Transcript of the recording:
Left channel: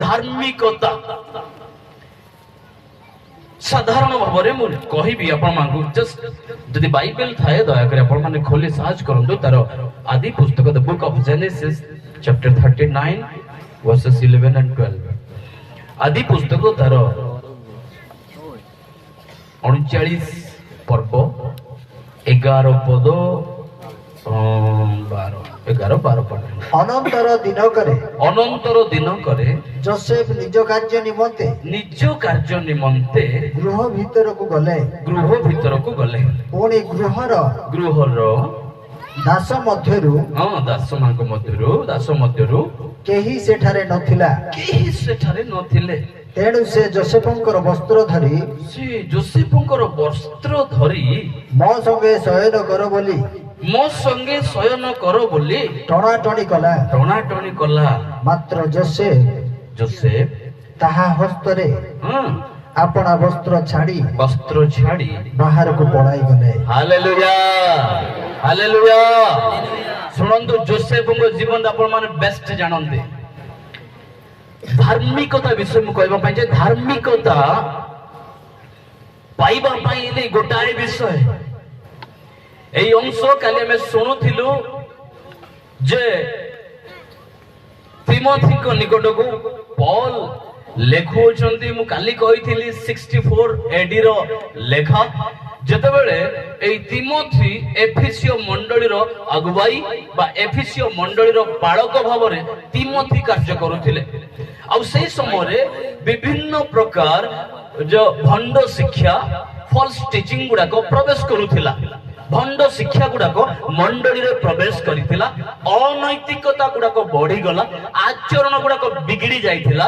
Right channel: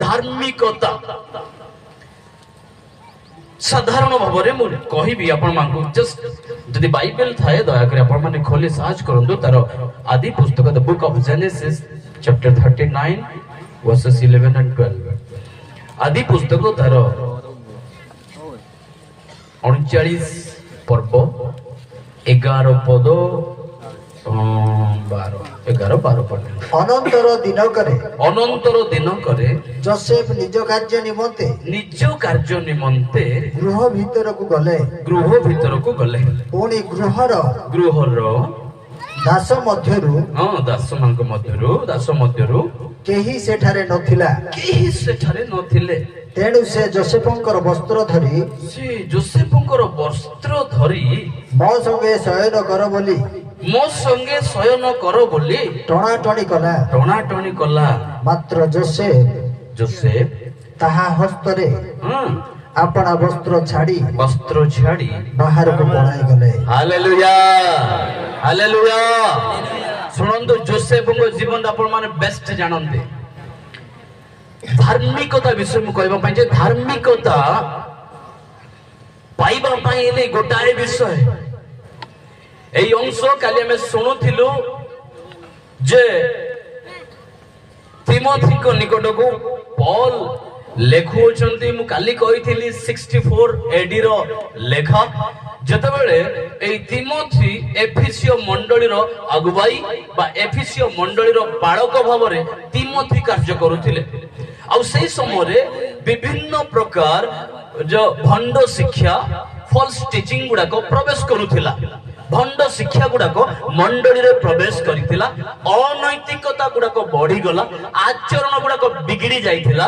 धार्मिकता साधारण भाव में कहबी आपको जस्ट जदि बाइबल थाए दयाकर आपण माने खोली सर्च करंतु तार आदि पुस्तक the book of genesis chapter 39 versus 11 and 12 आदि पुस्तक तार 39 पर्व 11 पद 11 12 पद अनंतर दिन करे जोसेफ निज कार्य निमंते गृह भीतर को गले पुणी गृहर दास मध्यरु दास मध्यरु केही सेठारे नथिले तेणु से जोसेफंकर वस्त्र धरी मो संगे शयन कर बोली टणाटणी कला मात्र जोसेफ ताहा हस्तरे अपना वस्त्र छाड़ी बाहर को पलाई गले। Hallelujah hallelujah. सुनंदु जोसेफ को जीवन आपण माने बेस्ट जानंदे धार्मिकता विषय में कहबा पय जे धार्मिकता पाइबा पय ले गोटाए विषय एई अंश काली में सुनुथिलु जे तिमोथी को निकट को पॉल लेखुचंती मु काली कहिथिली 64 एडी रो लेखा जतबेले ए तिमोथी एफिसियो मंडली रो अगुवाई बा एफिसियो मंडली रो बालक भावरे तिमोथी कार्य करूथिले आ सेही समय रे विभिन्न प्रकार जो भंड शिक्षा फॉल्स टीचिंग गुडा को प्रवेश करूथिला भंड शिक्षा गुडा को मंडली रे प्रवेश करिथिला अनैतिकता गुडा को बढ़ी गला आचरण गुडा को बिगड़ी जाइथिला।